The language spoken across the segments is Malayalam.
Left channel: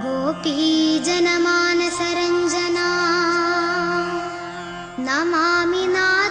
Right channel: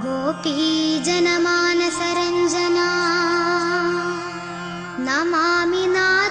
गोपीजनमानसरञ्जना नमामि नाथा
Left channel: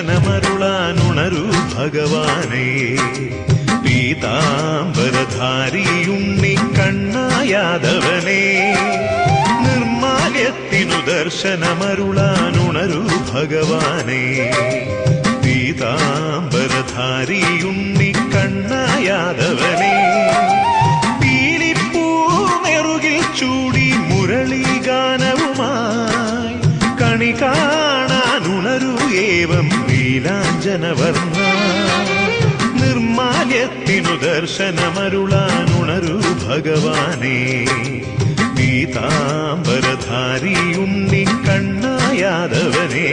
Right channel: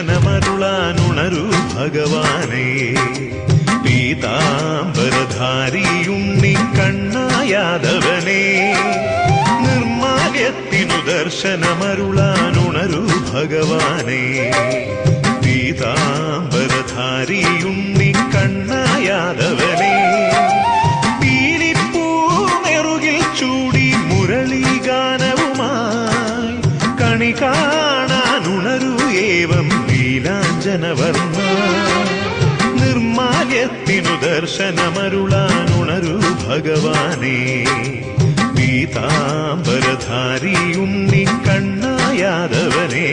ദർശനമരുളാനുണരൂ ഭഗവാനേ. പീതാംബരധാരിയുണ്ണി കണ്ണായാദവനേ. നിർമാല്യത്തിനു ദർശനമരുളാനുണരു ഭഗവാനേ. പീതാംബരധാരിയുണ്ണി കണ്ണായാദവനേ. പീലിപ്പൂ നെറുകിൽ ചൂടി മുരളീഗാനവുമായി കണി കാണാനുണരു ഏവം നീലാഞ്ജനവർണ നിർമാല്യത്തിനു ദർശനമരുളാനുണരു ഭഗവാനേ. പീതാംബരധാരിയുണ്ണി കണ്ണായാദവനേ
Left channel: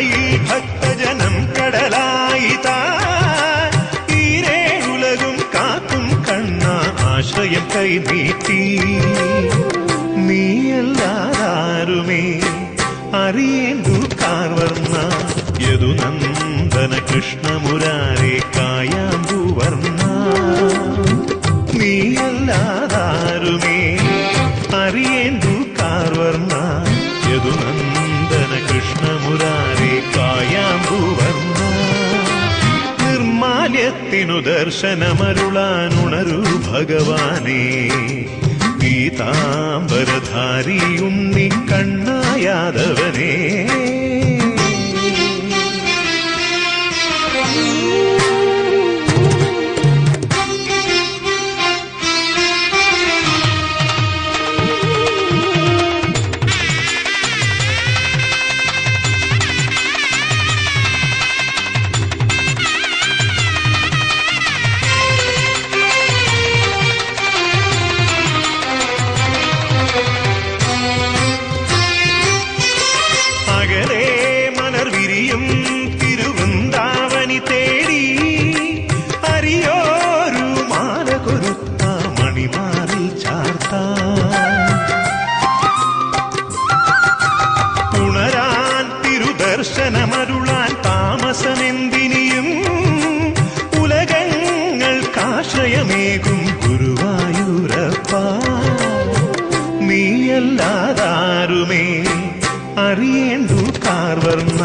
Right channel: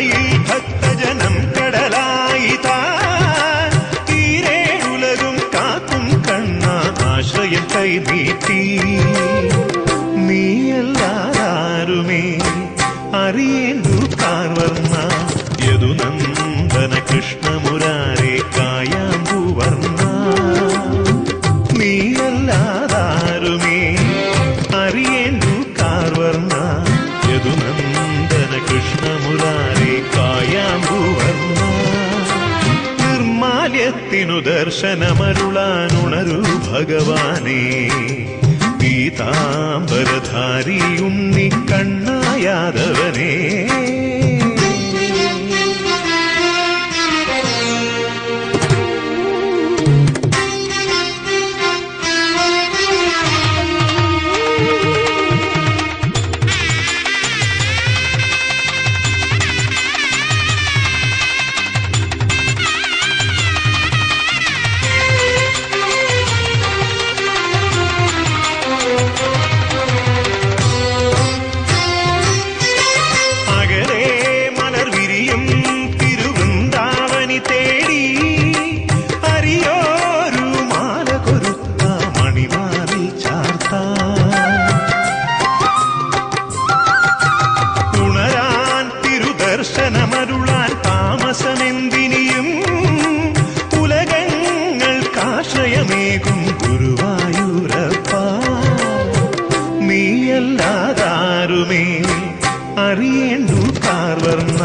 തിരുനടയിൽ ഭക്തജനം കടലായി താൻ ഈരേഴുലകും കാക്കും കണ്ണ ആശ്രയം കൈ നീട്ടി നീയല്ലാതാരുമേ അറിയേണ്ടു കാർവർണ. യദുനന്ദന കൃഷ്ണമുരാരെ കായാമ്പൂവർണ നീയല്ലാതാരുമേ അറിയേണ്ടു കാർവർണ. യദുനന്ദന കൃഷ്ണമുരാരെ കായാമ്പൂവർണ. നിർമാല്യത്തിനു ദർശനമരുളാനുണരൂ ഭഗവാനേ. പീതാംബരധാരിയുണ്ണി കണ്ണായാദവനേ. തിരുദർശനമരുളാൻ താമസമെന്തിനിയും ഉലകങ്ങൾക്കാശ്രയമേകും ഗുരുവായൂരപ്പ. നീയല്ലാതാരുമേ അറിയേണ്ടു കാർവർണ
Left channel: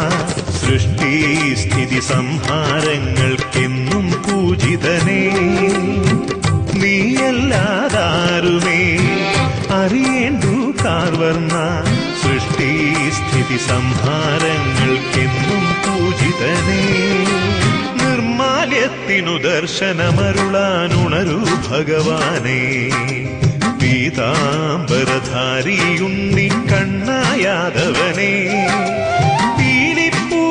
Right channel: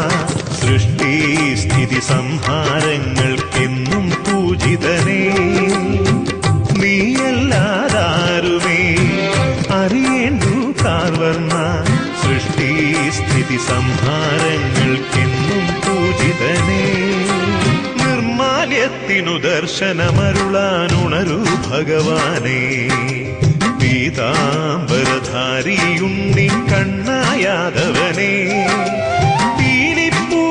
സൃഷ്ടി സ്ഥിതി സംഹാരങ്ങൾക്കെന്നും പൂജിതനേ. നീയല്ലാതാരുമേ അറിയേണ്ടു കാർവർണ സൃഷ്ടി സ്ഥിതി സംഹാരങ്ങൾക്കെന്നും പൂജിതനേ. നിർമാല്യത്തിനു ദർശനമരുളാനുണരു ഭഗവാനേ. പീതാംബരധാരിയുണ്ണി കണ്ണായാദവനേ. പീലിപ്പൂ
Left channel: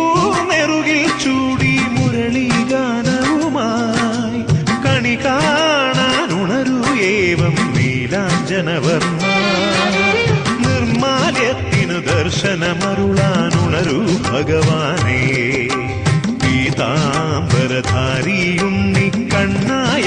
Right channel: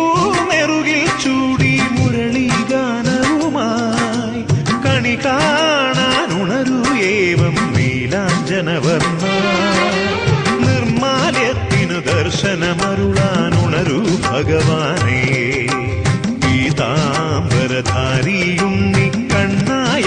നെറുകിൽ ചൂടി മുരളീഗാനവുമായി കണി കാണാനുണരൂ ഏവം നീലാഞ്ജനവർണ ദർശനമരുളാനുണരൂ ഭഗവാനേ. പീതാംബരധാരിയും കണ്ണായാദവനേ.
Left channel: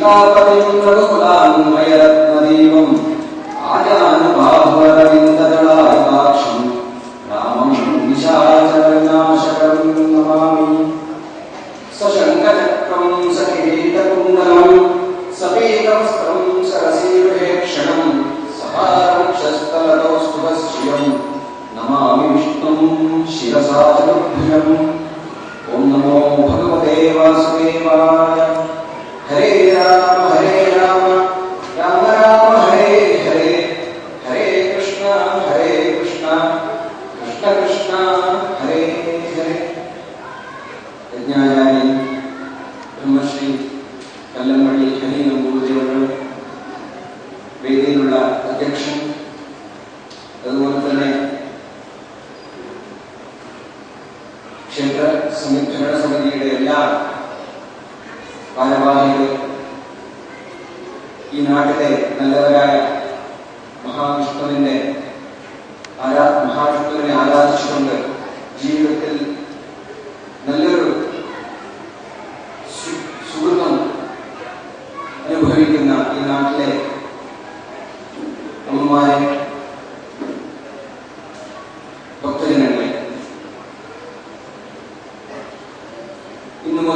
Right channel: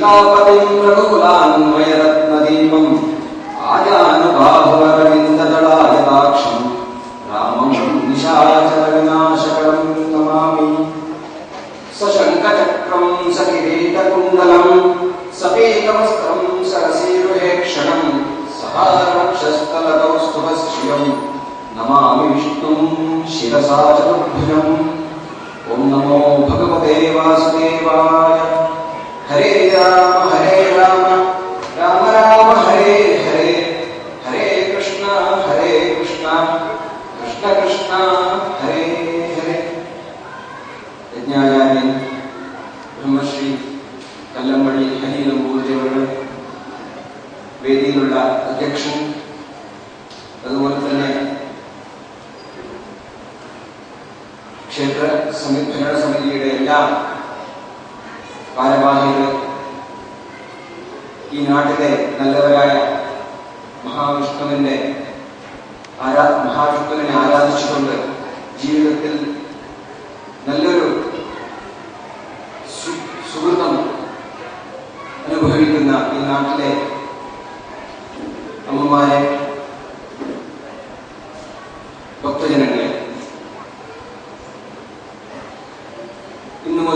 सीतापतिं प्रदूलान्वयरत्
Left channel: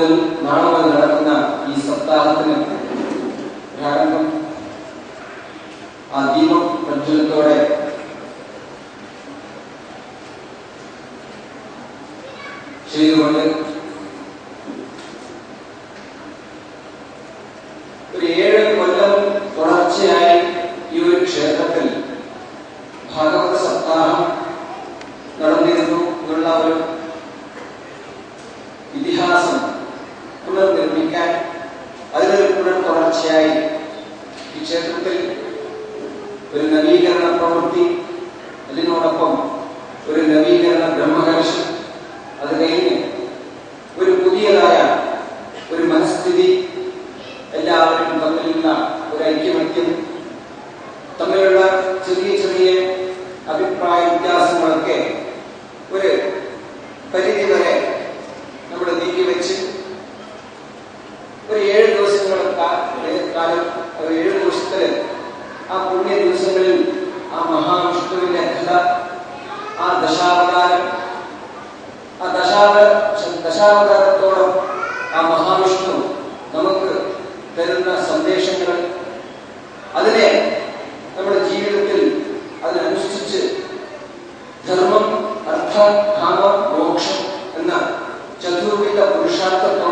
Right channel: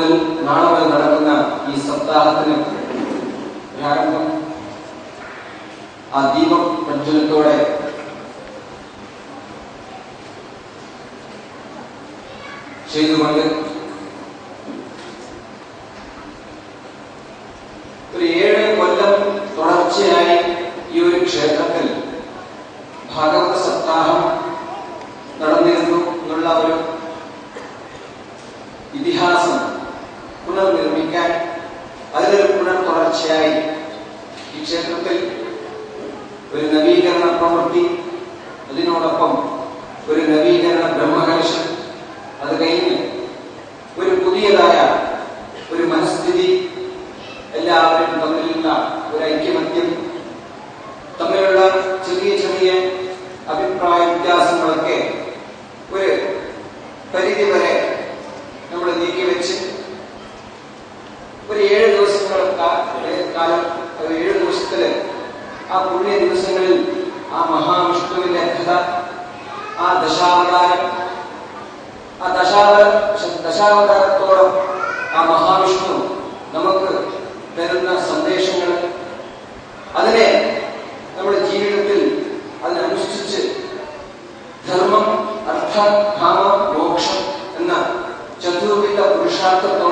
മുതൽ നാളെ മുതൽ നടക്കുന്ന ഈ സപ്താഹത്തിന് പ്രാരംഭം ആ ദീപം പ്രജ്വലത്തോടെ ചെയ്തുകൊണ്ട് പുതിയതായ ഒരു മനസ്ഥിതി എല്ലാവരും തമ്മിലുള്ള ഒരു ഐക്യമത്യം തമ്മിലുള്ള ചെറിയ ചെറിയ അഭിപ്രായ വ്യത്യാസങ്ങളൊക്കെ ഒരു പരിധി വരെ നമ്മൾ നീക്കിവെച്ച് ഒരു ഏഴ് ദിവസങ്ങളൊക്കെ കാലം ഒരു ഏഴ് ദിവസത്തിൽ ആ പുണ്യ ദിവസങ്ങളിൽ ആ മഹാവിഷ്ണുവിന്റെ കഥ ആ ദശാവതാരം ആ ദശാവ ദശാവതാരത്തോളം Santo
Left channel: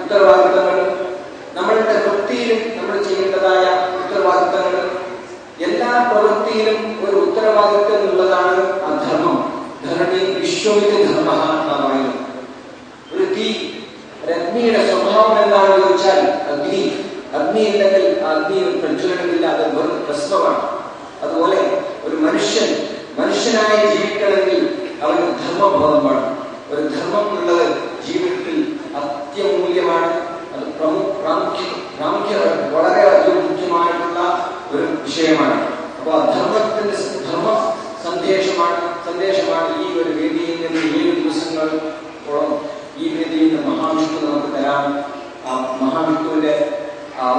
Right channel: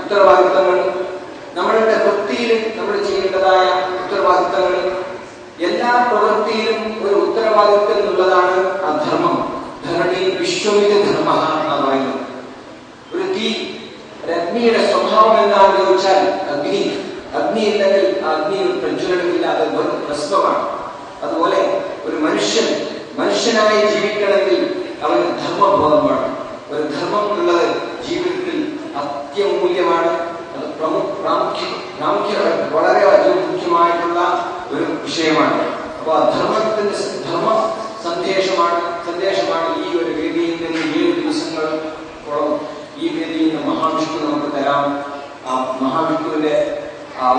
ഉത്തരവാദിത്തങ്ങൾ നമ്മളുടെ വൃത്തിയിലും നമ്മൾ ചെയ്യേണ്ടതായ ഉത്തരവാദിത്തങ്ങൾ എല്ലാ പ്രവൃത്തിയിലും ഒരു ഉത്തരവാദിത്തം എന്നുള്ളതാണ് ആ ധർമ്മം. വിശ്വവിധ ധർമ്മ എന്നാണ് ഒരു തീ അഗ്നിയുടെ സ്വഭാവം എന്താണെന്ന് ചോദിച്ചാൽ അഗ്നി. അഗ്നി ഇല്ലെങ്കിൽ ആ അഗ്നി ഒരു പ്രജ്വലനമില്ല അത് വെറും അതുപോലെ ഒരു മനുഷ്യൻ മനുഷ്യനായി ജീവിക്കണമെങ്കിൽ അവന് ധർമ്മബോധം വേണം. ഒരു ധർമ്മം ഉള്ളത് ജീവിതത്തിൽ അത്യമൂല്യമാണ് അത് പ്രമു പ്രാമുഖ്യ പ്രാമുഖ്യ വളരെ അധികം മുഖ്യമായിട്ടുള്ള ഒരു വിഷയമാണ്. അപ്പോൾ ധർമ്മത്തിന്റെ ധർമ്മ സന്ദേശമാണ് സന്ദേശമാണ് ഈ ഒരു വേദിയിൽ നിന്ന് ഏഴ് ദിവസങ്ങളോളം ഈ വേദിയിൽ നിന്ന് മഹാവിഷ്ണു നമുക്ക് തരാം. ആ മഹാവിഷ്ണുവിന്റെ ആ